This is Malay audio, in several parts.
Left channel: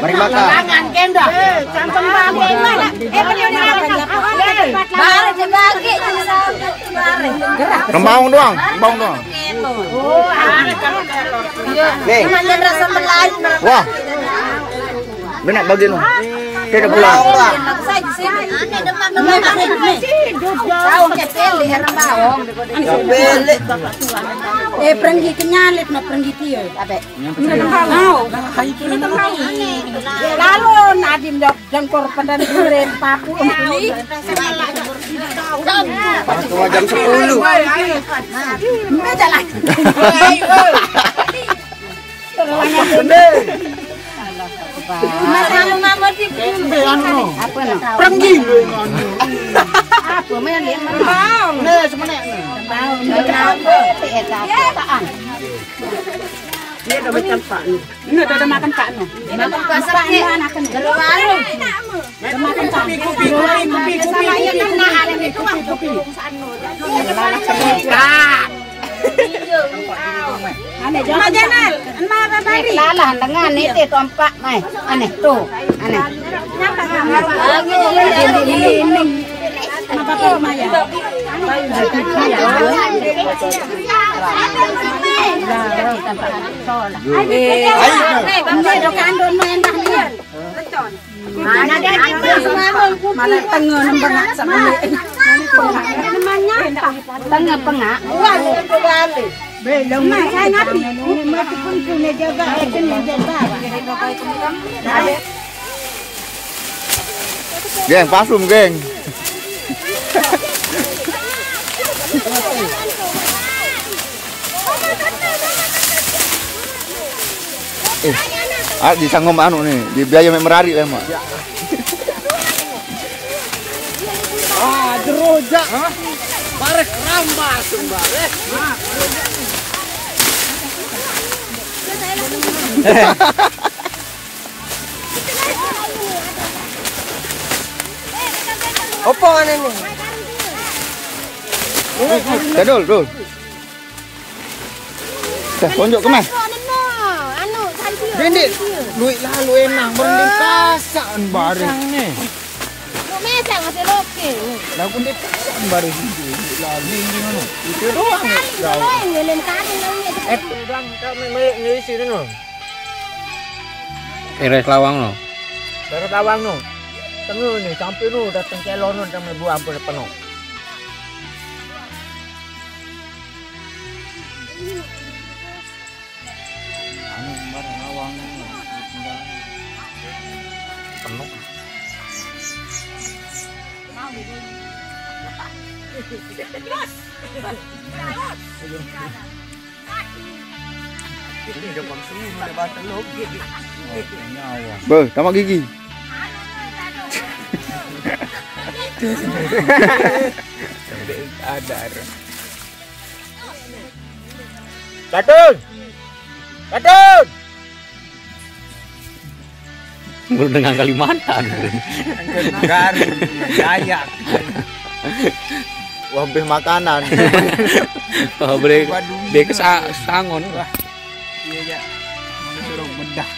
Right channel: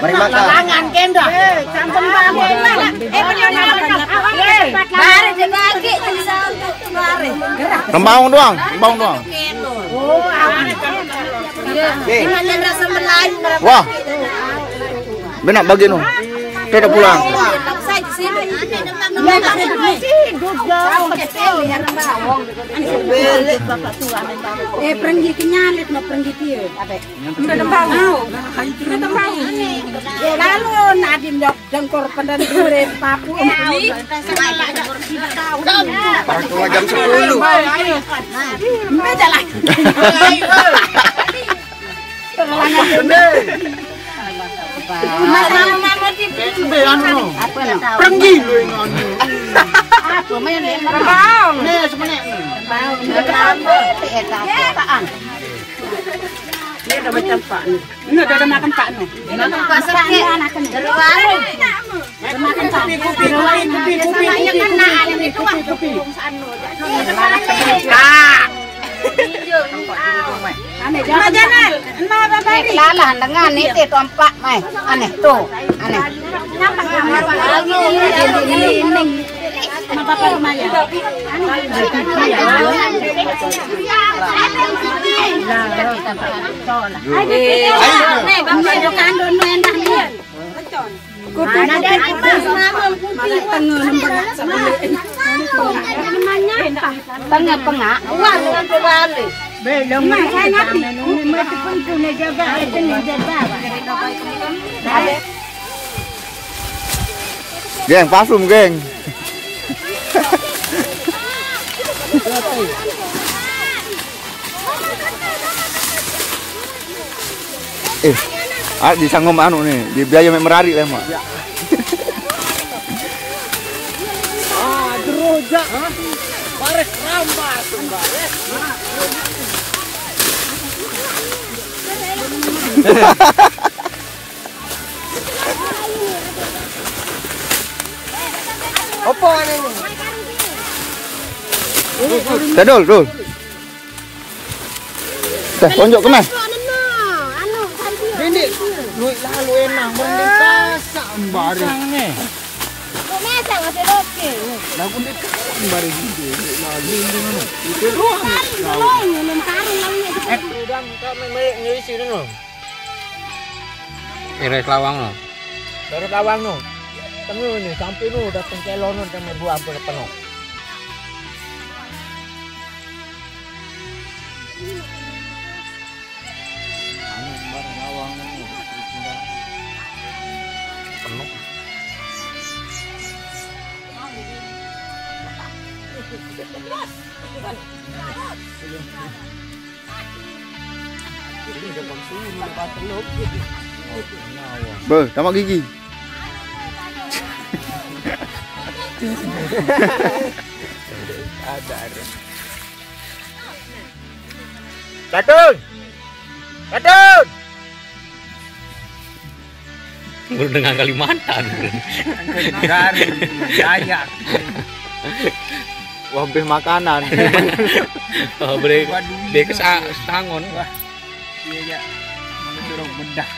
Mari makan. Jangan kenda. Campur bambu mana? Mari dibagi mari. Kembang doang, kembang doang. Gimana rasa melayu? Wah. Benak bagi nu. Sudah pulang. Saya di sini. Tahu kecil ya tahu. Pergi kenyalit nak pergi tiup. Lalu nadim dok jengkor pendan duren papu. Waktu jam 10. Beda lah. Masalah nama di apa nak? Pergi lu yang Apa main dia merabau. Nih semenek nih. Ini udah macam pak nih. Ini udah makan pak nih. Pak nih anak nih. Udah makan pak. Aneh jangan. Lalahan dengan itu tompak mai. Aneh tuh. Aneh. Ini. Apa apa Maya? Tengah-tengah. Belum saya ngerti. Punya jaga. Geng, pasum geng. Bisa ngomong anu nih, di biaya merari lah mak. Jerojak, barek rambat. Apa ini? Dul. Dah tunjuk kena. Ini duit lalu enak mending kasan bareng nih. Masa ngapain roti? Lagu ni kasan bareng itu lagi ini mana? Itu dan kami meluk ni sini no. Iris lawang no. Baru lawang no. Tengah ni sampai no datang ke lonon kami buang pun penuh. Tamak gigi. Ada. Katun. Dengan Kalimantan. Garut, Dayak. Wabih makanan. Oh, boleh. Dia ke Sangon. Wah. Iya ya. Mau suruh bedah.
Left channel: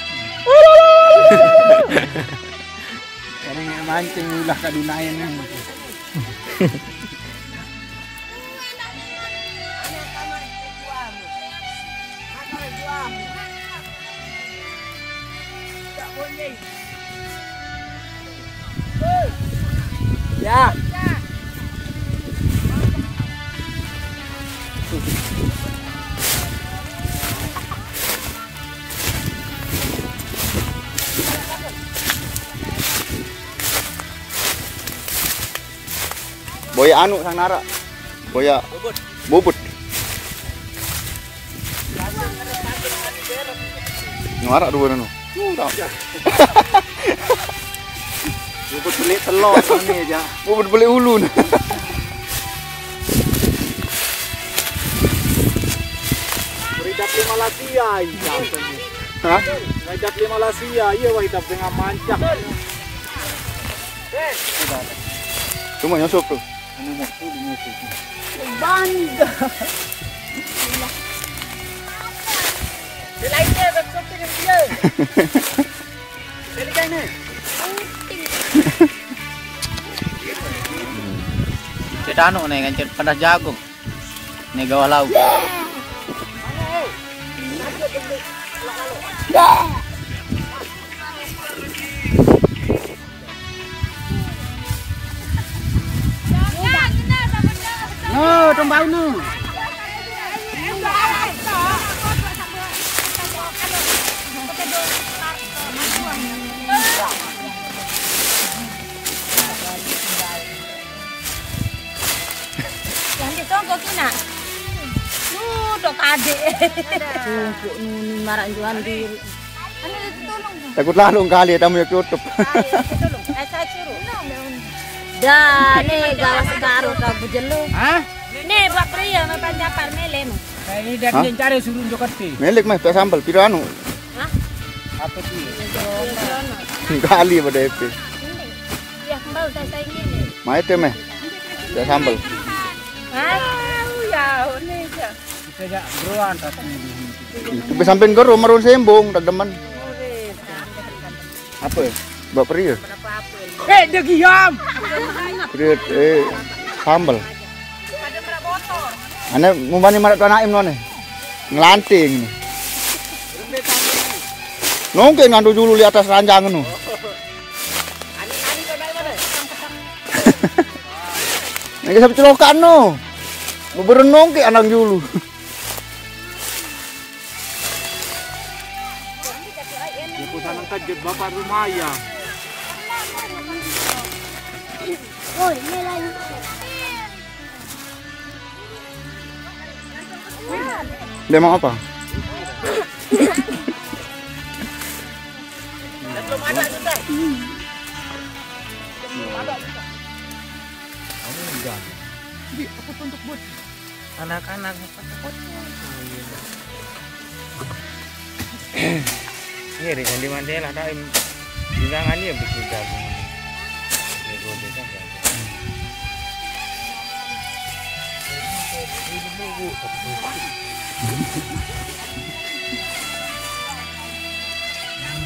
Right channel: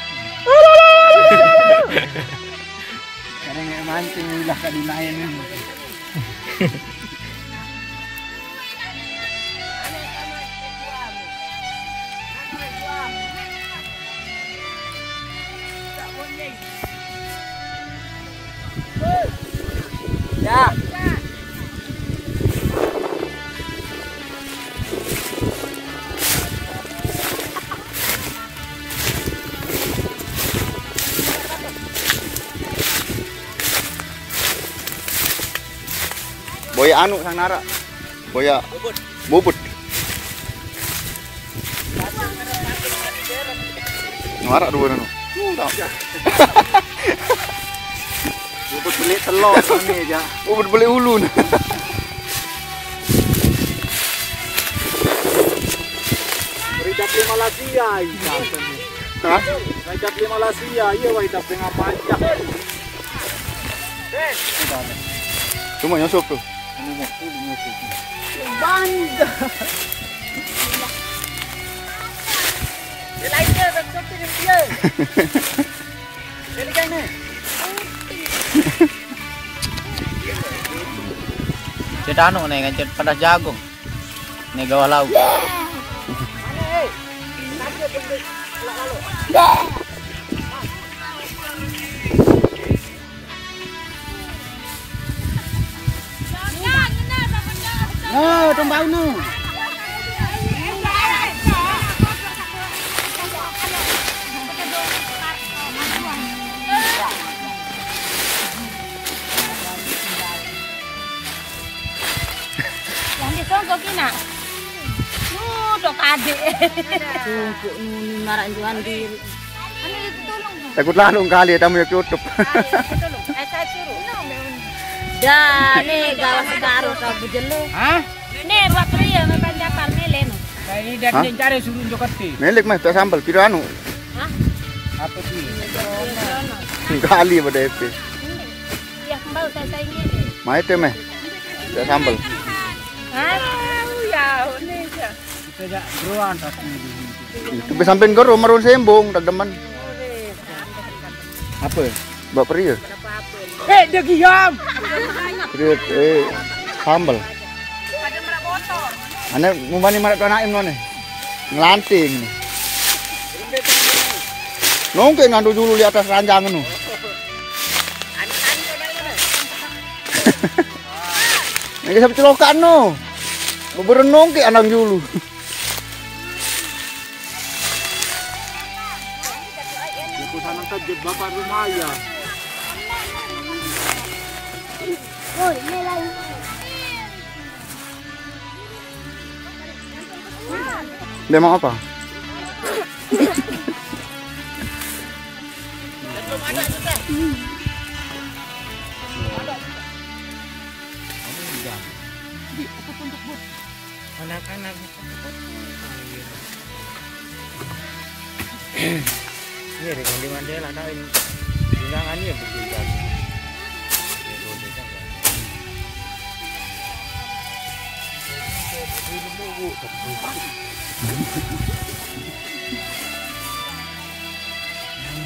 Karena mancing ulah kadunayan ni. Ya. Boya anu sang nara. Boya bubut. Nara dua anu. Bubut beli telur ini aja. Bubut beli ulun. Ridap 5 Malaysia. Hah? Ridap 5 Malaysia, iya wah ridap dengan mancak. Cuma nyosop tuh. Ini mau tuh nyusuk. Bangga. Cet anu nih kan cet panas jagung. Nih gawah lauk. Oh, tombau nu. Yang di kongko kina. Tok adik. Tunggu nu marak juan diri. Ini tolong. Takut lalung kali tamu yang tutup. Tolong. Saya suruh. Dah, nih gawas segaruh kau bujelu. Hah? Nih buat pria nih panjapar nih leno. Kayak ini dia Hah? cari suruh Jokerti. Melik mah tuh sambal piro anu. Hah? Apa sih? Kali pada EP. Ya kembali saya ini. Mai teh meh. Tuh sambal. Hah? Ya, nih ya. Kita gak beruan tatang Itu be sampean goro marun sembong dademan. apa? Mbak prio. Dia giam. Prio sambal. Ana ngumbani marak tu anaim none. Ngelanting. Nongke ngandu dulu di atas ranjang nu. Nek sampe celokan no. Beberenong ke anang dulu. Dia pesanan tajud bapak rumaya. Oh, ini lagi. Dia mau apa? Anak-anak ini di kondi Mandela ada ini bilangan dia betul kan.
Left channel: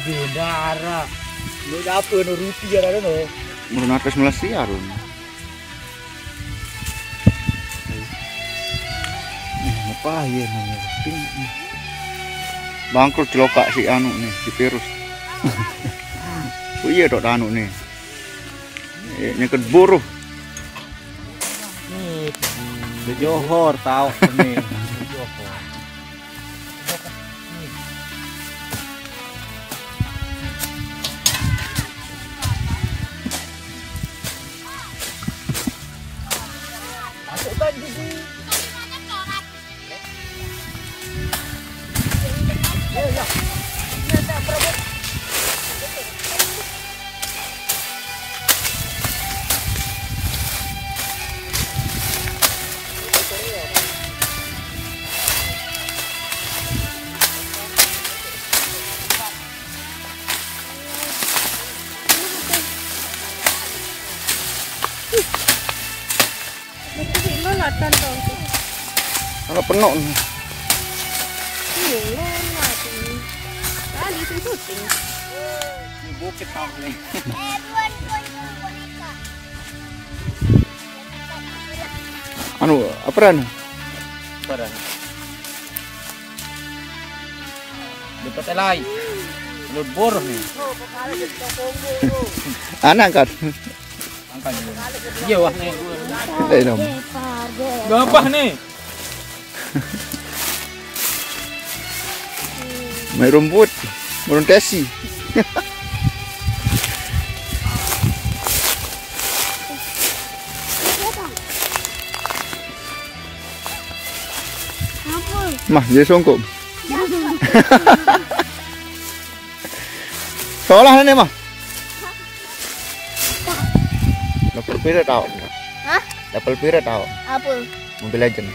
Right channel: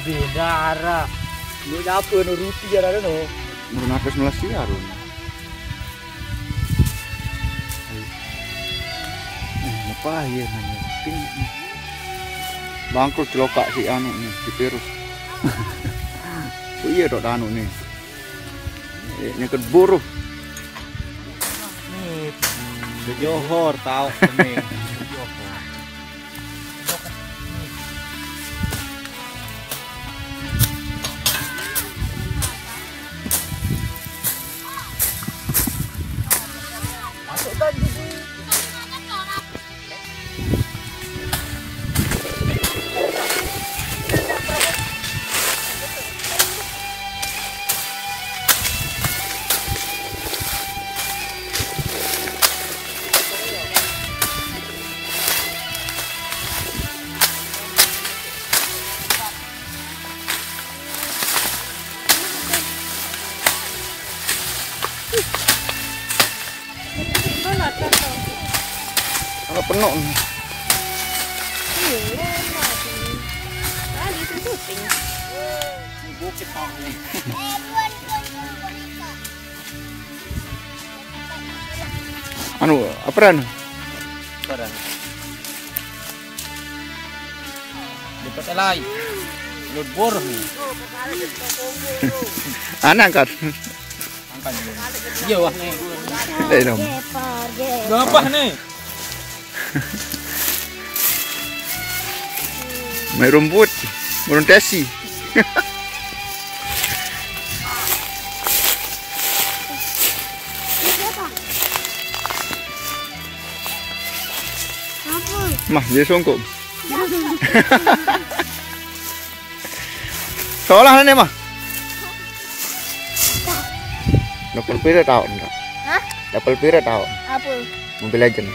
Beda arah. Lu dapur no rupiah ada no. Murun apes Malaysia ron. Apa ya namanya? Bangkrut celokak si anu nih, si virus. Oh iya dok anu nih. Nyeket buruh. Nih, di Johor tahu nih. Kalau penuh nih. Bukit tahu. Anu apa ran? Barang. Di pakai lain. Lut bor nih. Anak kan. Angkat dulu. Iya wah nih. Đây dong. Gapah nih. Main rumput, meruntesi. Mah, jadi songkok. Seolah ini mah. Level pira tahu enggak? Hah? Level pira tahu? Apa? Mobile Legend.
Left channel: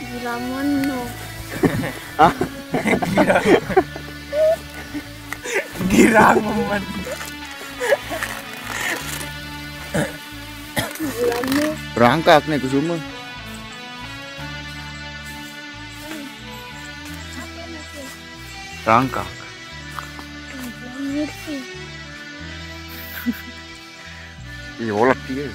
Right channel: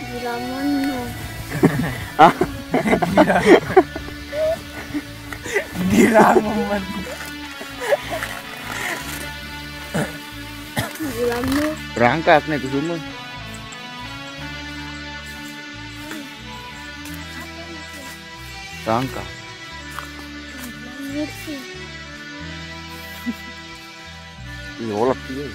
Gila mono. Gira momen. Gila mono. Berangkat nih ke semua. Berangkat. Iya, olah dia.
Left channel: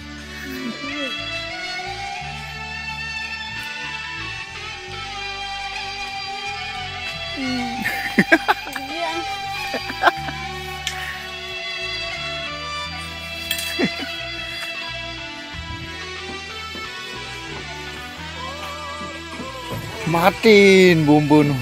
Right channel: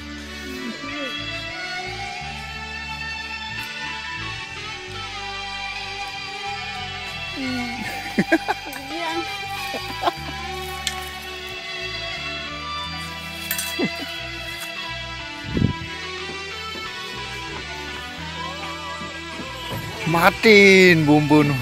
Matiin bumbu nu.